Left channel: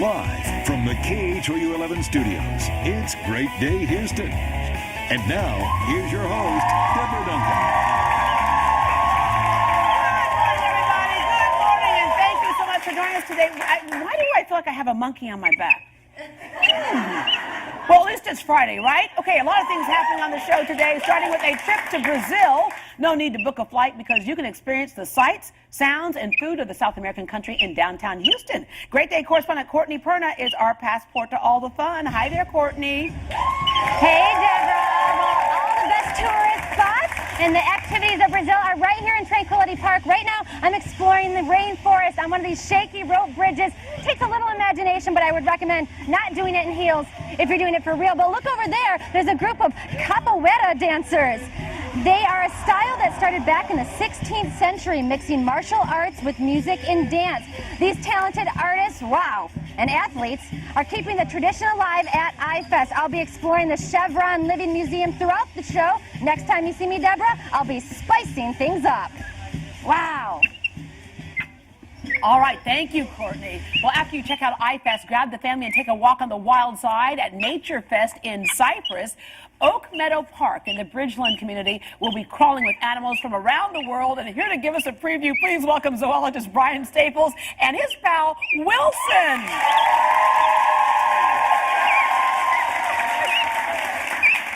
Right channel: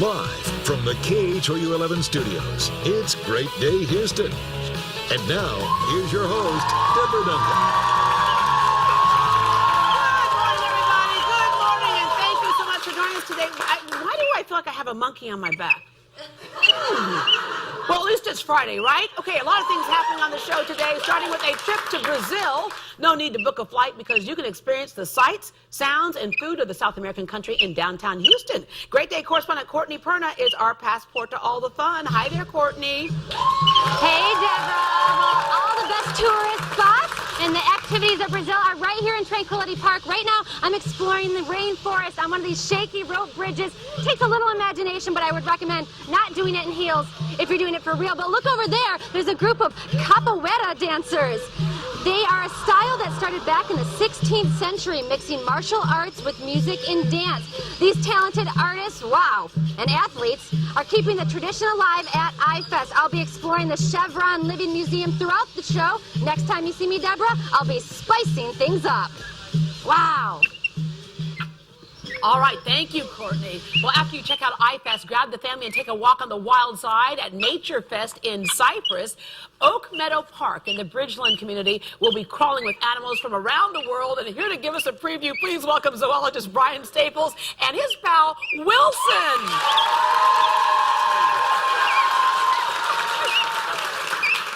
Live from the KHOU11 studios, it's Great Day Houston. And now, here's your host, Deborah Duncan. Good morning, everybody. Good morning, and thank you so much for joining us today. Why do I feel like I have a monkey on my back? Well, at least it's Friday, right? Okay, a lot of things happening on the show today, starting with a trip to Brazil. No need to book a flight because you can experience the sights, sounds, and food of the South American country in downtown Houston. Great Day correspondent Courtney Perna is our passport to all the fun. Hi there, Courtney. Hey, Deborah. Well, all the best tourist spots and the activities of Brazil are right here in Tranquility Park. Right now, I'm exploring the rainforest on one of these shaky rope bridges. Takes a little imagination, but I would recommend not doing it in heels if you're doing it for real. But look over there. There's a group of capoeira dancers. They are a style that started back in the 16th century, mixing martial arts with music and dance. These talented artists, wow, and athletes are keeping the tradition alive at iFest. I'll be exploring the Chevron Living Museum throughout the show. Next time you see me, Deborah, I'll be spicing things up. Wow. All right, thank you, Courtney. Well, after you check out iFest, grab the family and take a walk on the wild side at Nature Fest in Cypress. Oak Meadow Park in the Bridgeland community will be crawling with animals from around the world. And here to give us a preview, please welcome zoologist Brian Staples and his pal, Wilson.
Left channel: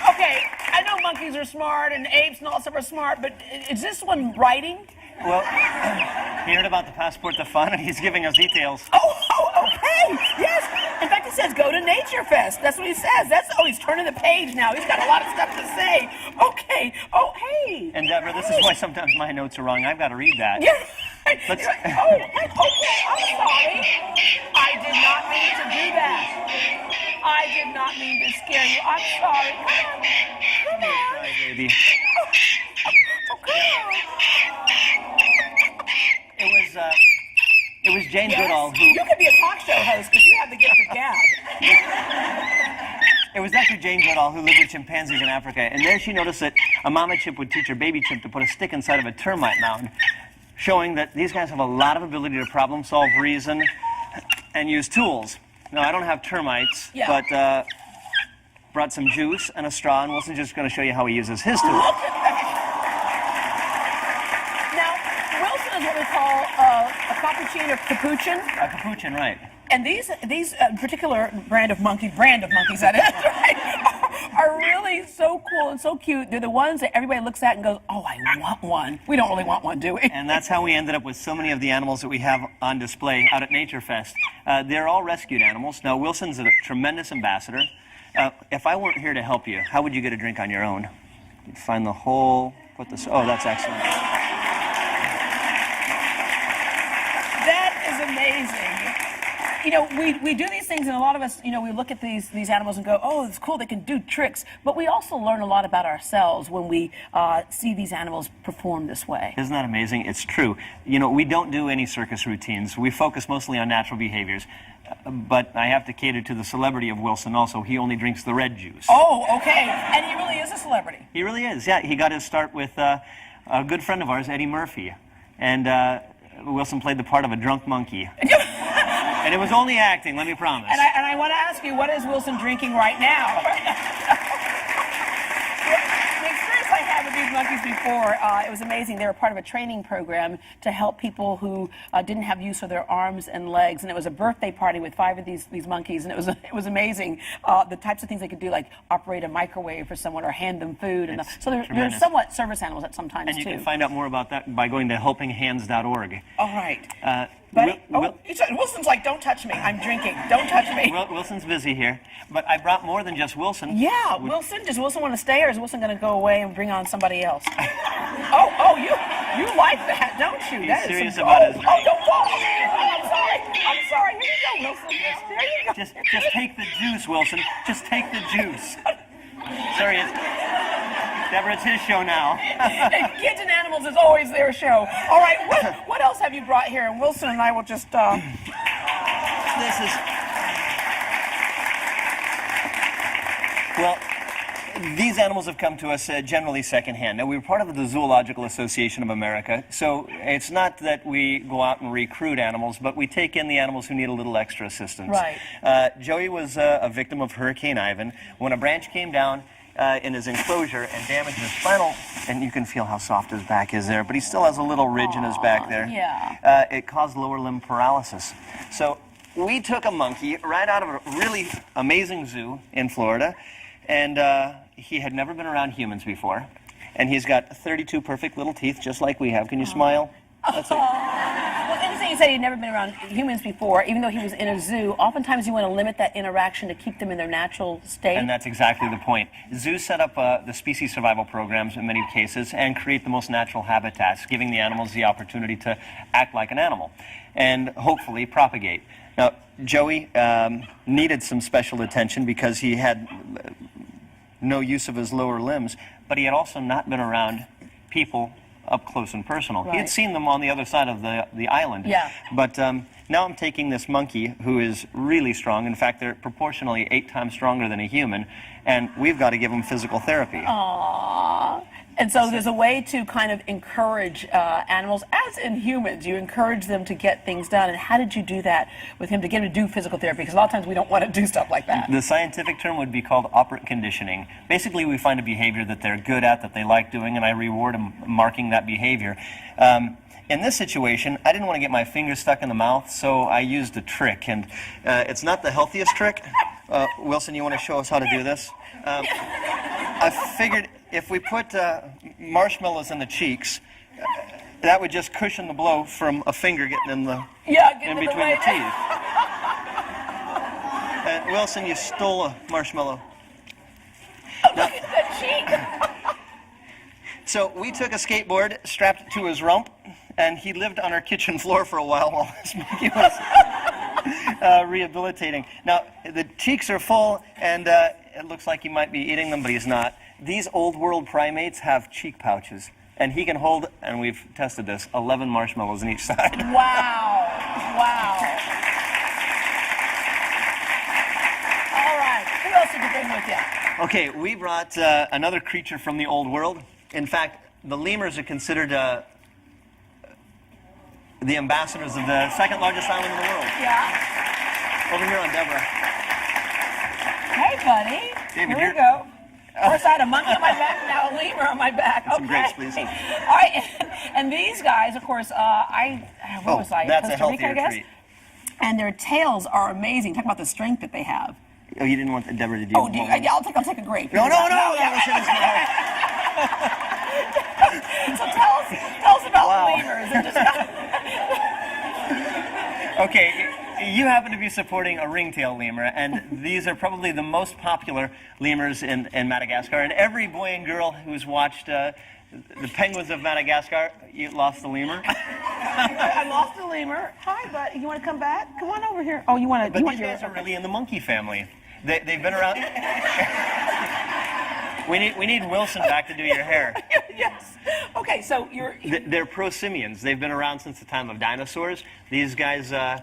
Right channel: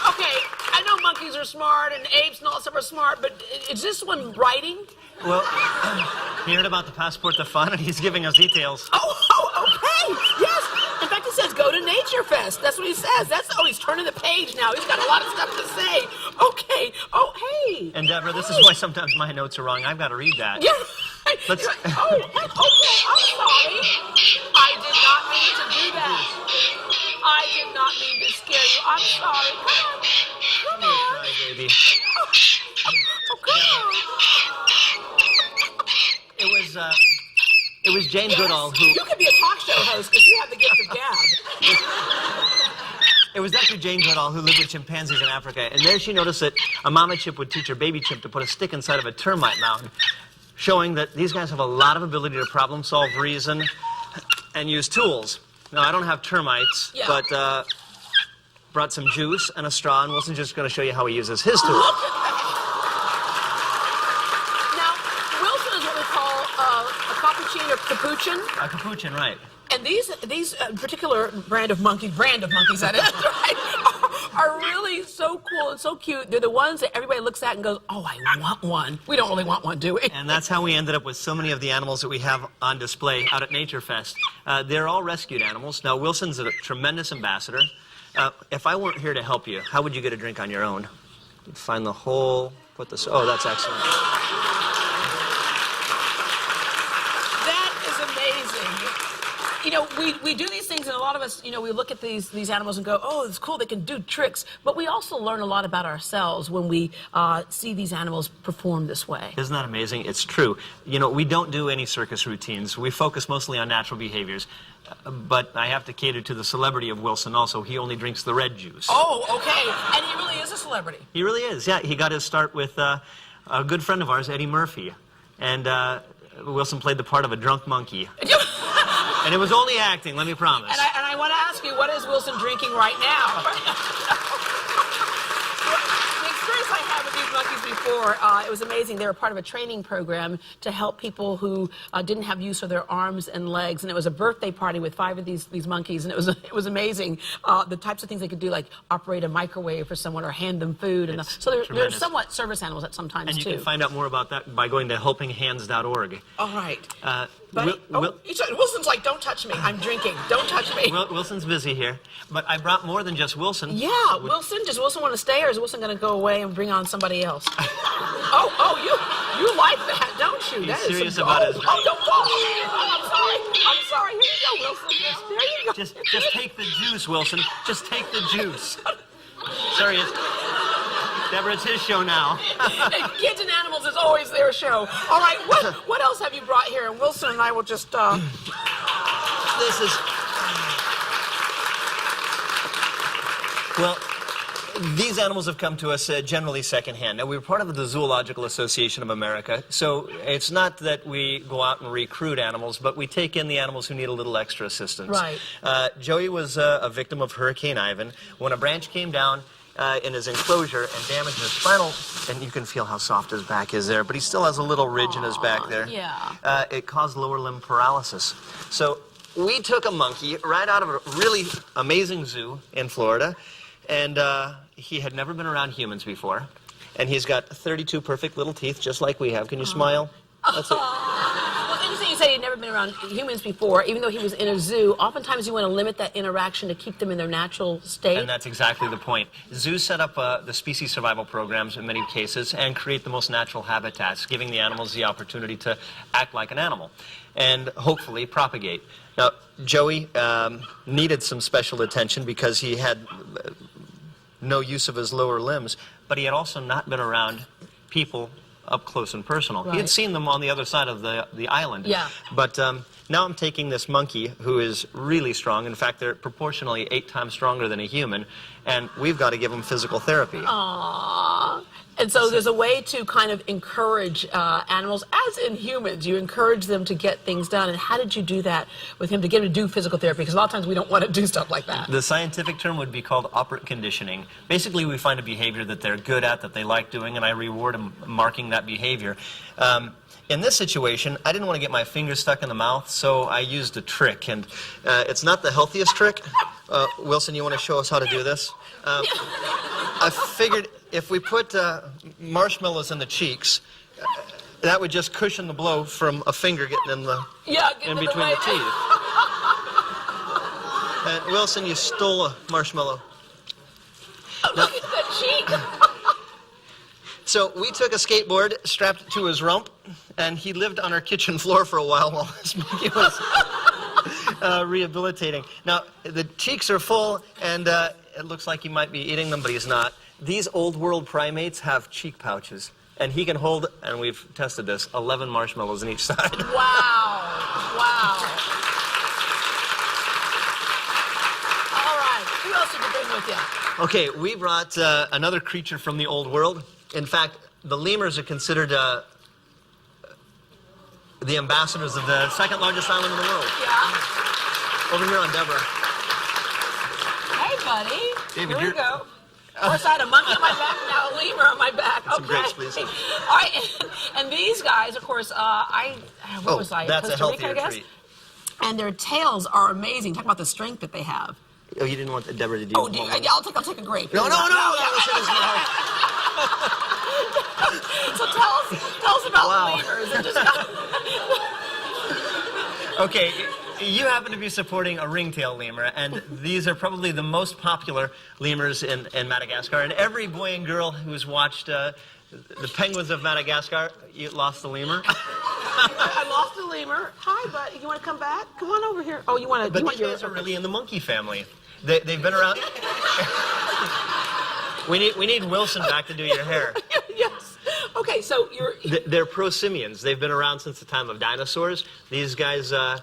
Okay, I know monkeys are smart and apes and all that stuff are smart, but is this one writing? Well, he heard about the passport to fun, and he's giving us details. Oh, okay, yes. In fact, it says go to Nature Fest. That's what he says. He's turning the page now. He's got a lot of stuff to say. Okay, oh, hey. And Deborah, this is why sometimes my notes are wrong. I've got to read that. Yeah. Okay, I'm sorry. I did not mean to do that. I did not mean to scare you. I'm sorry. Come on. Try, baby. Oh, come on. It was Jane Goodall who... You could be a talk show host because you have the gift of gab. It was actually Jane Goodall who lived with chimpanzees in Africa, and there she noticed that a mama chimp would teach her baby chimp to put a stick inside of a termite mound, showing that these guys have a lot of ability to problem solve, reason, and use tools. Now, I don't have termites, but brought some juice and a straw, and Wilson's just going to show you how he uses his tools. A capuchin or capuchin? A capuchin, right. And these particular brand of monkeys, that is, right, are really so cool and so cute. They're the ones that everybody looks at and goes, oh, I want one. We don't really want one, do we? And that's how we ended up with so many of the animals that we have on display out at Nature Fest. They're all rescued animals. Now, Wilson's a tremendous ambassador. If I weren't here to help you, how would you get a drink on your own? You'd find the hole, put this... Oh, that's excellent. You know, we do these things, and a lot of us, you know, we look at these animals and go, oh, it's cool, they can do tricks. But we also learn a lot about ourselves when we see these animals perform this way. Isn't that amazing? It's true. You know, we don't do any circus routines. We focus mostly on natural behaviors. But I have to cater to the celebrity of Wilson also. He only drinks the red juice. Oh, okay. And he really is a celebrity. He really is, yeah. He got his start with a good friend of ours, Eddie Murphy. And Wilson played the part of a drunk monkey. And it was only acting, let me promise. And I want to ask you, what is Wilson drinking right now? The experience I had with these monkeys before, it was amazing. They were part of a training program to help people who didn't have use of their arms and legs. And it was a birthday party with 5 of these monkeys. And it was amazing, the types of things they could do, like operate a microwave for someone or hand them food. And so they're somewhat service animals at sometimes, and you too. can find out more about that by going to helpinghands.org. All right. Wilson's like, don't touch me. I'm drinking. Don't touch me. Wilson's busy here. But I brought more than just Wilson. Yeah, Wilson. Does Wilson want to stay, or is Wilson going to go away and bring on somebody else? You like that, don't you? He's that is serious some, about his... Oh, don't fall. I'm sorry. Here you go, Wilson. There you go. Just take the juice, Wilson. Just take the juice. Sorry, Deborah, it's his show now. Kids and Animals is always their show. All right, what else have you brought here? And Wilson and I will just... This is... Well, These animals have come to us generally secondhand. Now, we're part of the Zoological Association of America, so it's not that we go out and recruit animals, but we take in the animals who need a little extra assistance. Right. Joey was a victim of Hurricane Ivan. When a branch came down in his enclosure and damaged his spinal, and you can feel how soft his back is there, but he still has a little ridge in his back there. Yeah. It caused lower limb paralysis. So we took a monkey right out of a really amazing zoo in Florida, and he had never been around humans before, and he's got 32 perfect little teeth, just like we have. Can you smile? That's it. Well, interesting you said he'd never been around humans before, even though he was in a zoo. Oftentimes you want to limit that interaction to keep them in their natural state. And that's exactly the point. Zoos set up the species survival programs in many cases and create the most natural habitats, giving the animals the opportunity to act like an animal and hopefully propagate. Now, Joey needed some special attention because he had no use of his lower limbs, but he had also not been around people up close and personal. Right. He had seen them on the other side of the island. Yeah. But now I'm taking this monkey who is really strong. In fact, they're proportionally 8 times stronger than a human, and we've got to give them physical therapy. Aww. And so there's a way to kind of encourage animals, as in humans, you encourage them to get things done. And how did you do that with him to get him to do physical therapy? Because a lot of times we don't want to do stuff like that. The scientific term would be called operant conditioning. Basically, we find a behavior that they're good at, that they like doing, and I reward them marking that behavior. In this situation, I didn't want to get my fingers stuck in the mouth, so I used a trick. And it's not the healthiest trick. Wilson, you want to show us how to do this? I figured if we put marshmallows in the cheeks, that would just cushion the blow from a finger getting in between the teeth. And Wilson, you stole a marshmallow. Oh, look at that cheek. So we took a skateboard, strapped it to his rump, and he lived on our kitchen floor for a while this monkey was rehabilitating. Now, the cheeks are full, and it looks like he might be eating them, but he's not. These old world primates have cheek pouches, and he can hold, and we've tested this, 11 marshmallows on each side. Wow. Wow. All right. Who else did you bring with you? Okay, we brought another creature from the old world. In fact, the lemurs are considered the ambassadors of the second largest island in the world. Yeah. Over here on Deborah. Hey, buddy. David, Here we go. First I had a monkey on my back, now a lemur on my back. Okay. Some grapes, please. All right, and these guys, of course, where was I? That's Costa a Rica, I healthier guess? treat. And their tails are amazing. Talk about the strength that they have. Oh, you didn't want Deborah to do Oh, yeah, I'll take a grape. No, that was in his mouth. So tell us about Wow. lemurs. And just Okay, you happen to be supporting a ringtail lemur, and these are probably the most popular lemurs in Madagascar. And every boy and girl who's watched the penguins of Madagascar, you lost the lemur. I lost the lemur. Hi, bud. You want to come back? Come on over here. Oh, you want to? But these guys are really in the monkey family. They've been around. We need Wilson back to do your hair. Yes. Okay, so They're prosimians. They've been around since the time of dinosaurs. These guys are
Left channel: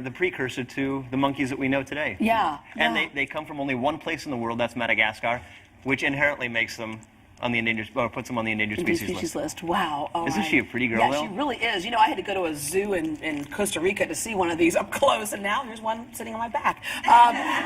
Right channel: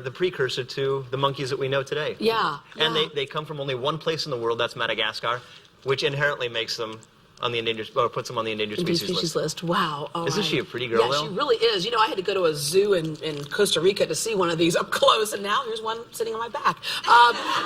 the precursor to the monkeys that we know today. Yeah. And they come from only one place in the world, that's Madagascar, which inherently makes them on the endangered, or puts them on the endangered species list. Wow. All Isn't right. she a pretty girl, Yeah, though? she really is. You know, I had to go to a zoo in Costa Rica to see one of these up close, and now here's one sitting on my back.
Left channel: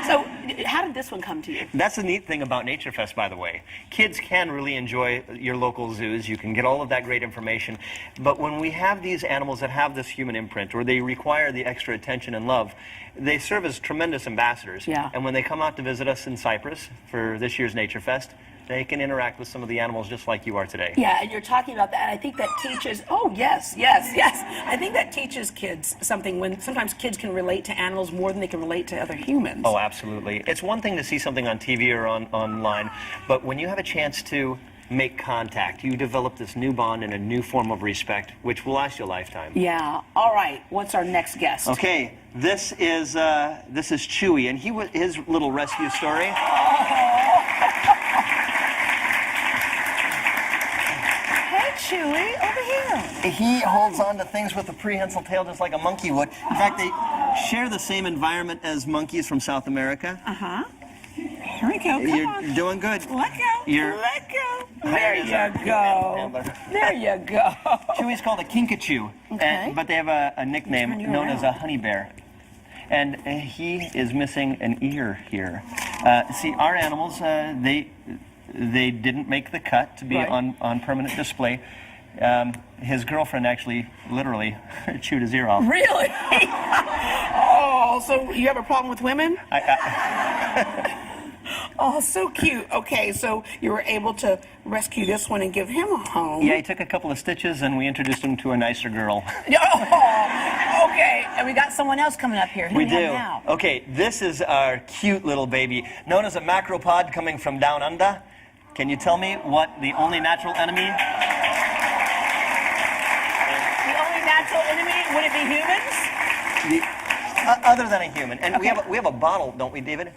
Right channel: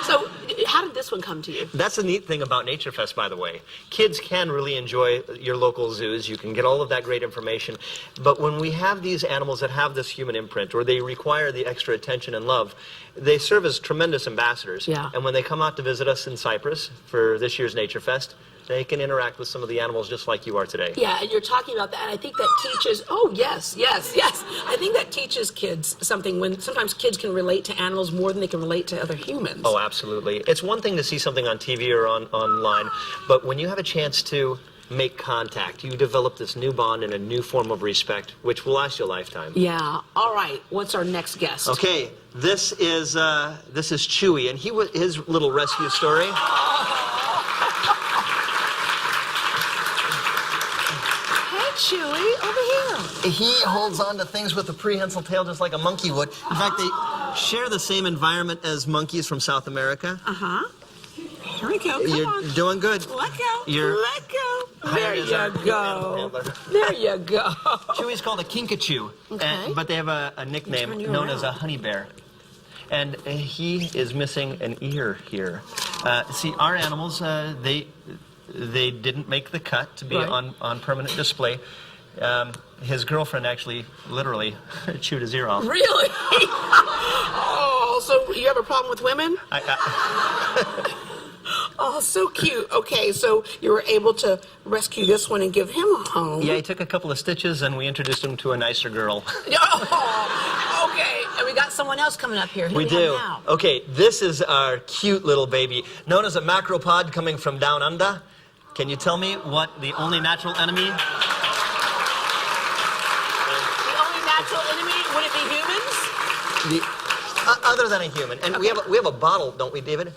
So how did this one come to you? That's the neat thing about Nature Fest, by the way. Kids can really enjoy your local zoos. You can get all of that great information. But when we have these animals that have this human imprint, or they require the extra attention and love, they serve as tremendous ambassadors. Yeah. And when they come out to visit us in Cyprus for this year's Nature Fest, they can interact with some of the animals just like you are today. Yeah, and you're talking about that, and I think that teaches, oh, yes. I think that teaches kids something when sometimes kids can relate to animals more than they can relate to other humans. Oh, absolutely. It's one thing to see something on TV or online, but when you have a chance to make contact, you develop this new bond and a new form of respect, which will last you a lifetime. Yeah. All right. What's our next guest? Okay, this is Chewy, and his little rescue story. Chewy, over here. He holds on to things with a prehensile tail just like a monkey would. In fact, they share the same environment as monkeys from South America. Uh-huh. Here we go. Come You're on. doing good. Let go. You're Let go. There hired as our you animal go. handler. There you go. Chewy's called a kinkajou, Okay. but they have a nickname Turn you known as a around. honey bear. And he is missing an ear here. See, our animals, they didn't make the cut to be Right. on permanent display. His girlfriend actually, literally, chewed his ear off. Really? Oh, so you have a problem with women? Oh, so cute. Okay, so you were able to rescue this one and give him a home. Yeah, he took a couple of stitches and we introduced him to a nicer girl. Oh, okay. And we got someone else coming up here. Who We do we do. have now? Okay, this is our cute little baby, known as a macropod coming from down under. Can you tell me what the only natural enemy? The only natural enemy, would it be humans? Other than a human. And Okay. we have a bottle, don't we, David?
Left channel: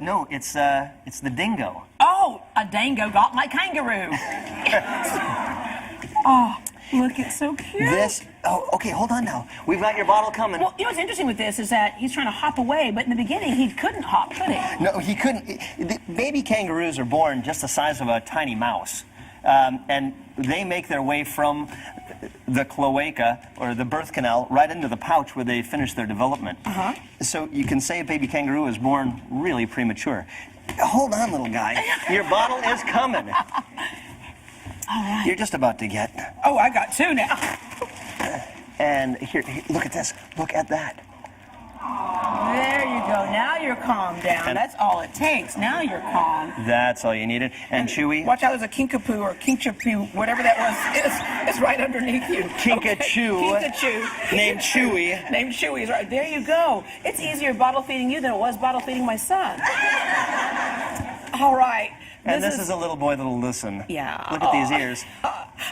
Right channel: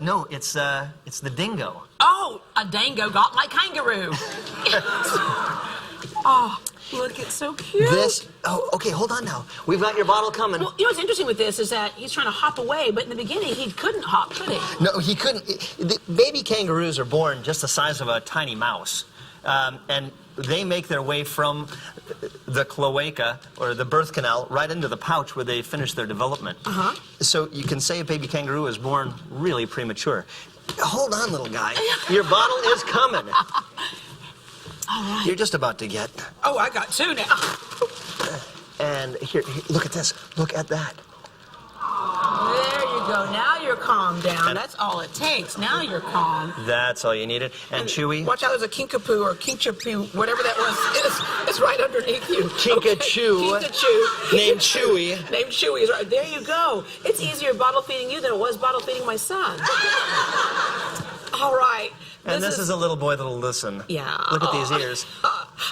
No, it's the dingo. Oh, a dango got my kangaroo. Oh, look, it's so cute. Okay, hold on now. We've got your bottle coming. Well, you know what's interesting with this is that he's trying to hop away, but in the beginning he couldn't hop, could he? No, he couldn't. The baby kangaroos are born just the size of a tiny mouse. And they make their way from the cloaca, or the birth canal, right into the pouch where they finish their development. Uh-huh. So you can say a baby kangaroo is born really premature. Hold on, little guy. Your bottle is coming. All right. You're just about to get. Oh, I got two now. And here, look at this. Look at that. There you go. Now you're calmed down. And- That's all it takes. Now you're calm. That's all you needed. And Chewy. Watch out, there's a kinkapoo or kinkapoo, whatever that was. It's right underneath you. Kinkajou. Okay. Kinkajou. Named Chewy. Named Chewy is right. There you go. It's easier bottle feeding you than it was bottle feeding my son. All right. And this is a little boy that'll listen. Yeah. Look at these Oh. ears.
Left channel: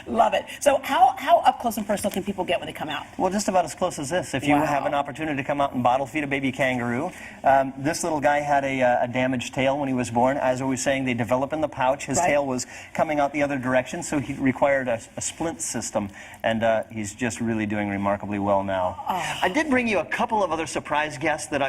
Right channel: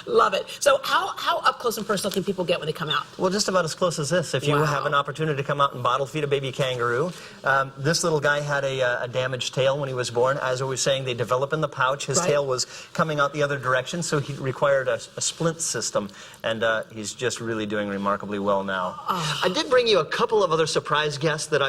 Love it. So how up close and personal can people get when they come out? Well, just about as close as this. If you Wow. have an opportunity to come out and bottle feed a baby kangaroo. This little guy had a damaged tail when he was born. As I was saying, they develop in the pouch. His Right. tail was coming out the other direction, so he required a splint system. And he's just really doing remarkably well now. Oh. I did bring you a couple of other surprise guests that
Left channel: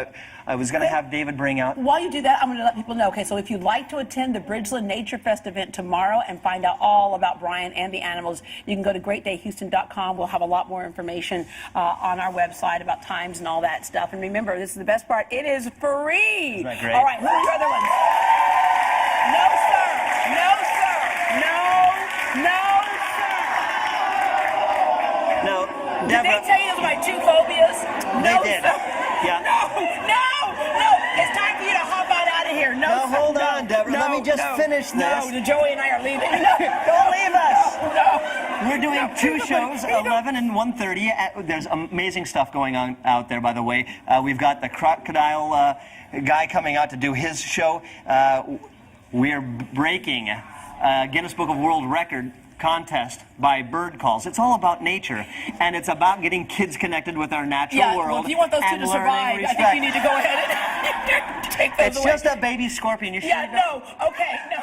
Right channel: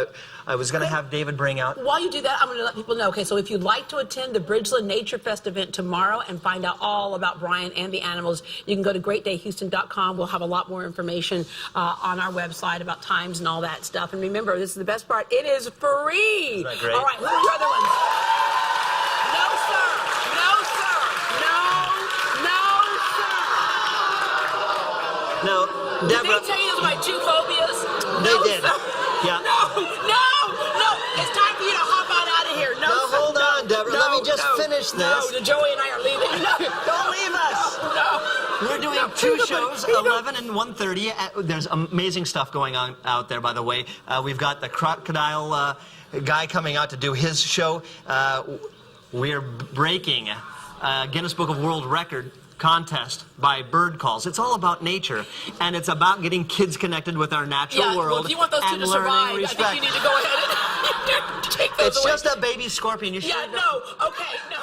I was going to have David bring out. While you do that, I'm going to let people know. Okay, so if you'd like to attend the Bridgeland Nature Fest event tomorrow and find out all about Brian and the animals, you can go to greatdayhouston.com. We'll have a lot more information on our website about times and all that stuff. And remember, this is the best part. It is free. Isn't that great? All right, who are your other ones? No, sir. No, sir. No, no, sir. No, Did Deborah. they tell you those are my two phobias? They No, did. sir. Yeah. No. It's time for you to hop out of here. No, Now, sir. hold on, Deborah. Let me just finish No, this. Joey and I are leaving. No. Don't leave us. No. We're doing two shows, 11 and 1:30. There's amazing stuff going on out there, by the way. We've got the crocodile guy coming out to do his show. We're breaking Guinness Book of World Record contest by bird calls. It's all about nature, and it's about getting kids connected with our natural Yeah, world. well, if you want those two and to learning survive, I respect. think you need to go ahead and take those It's away. just a baby scorpion. You Yeah, should no. Okay, no.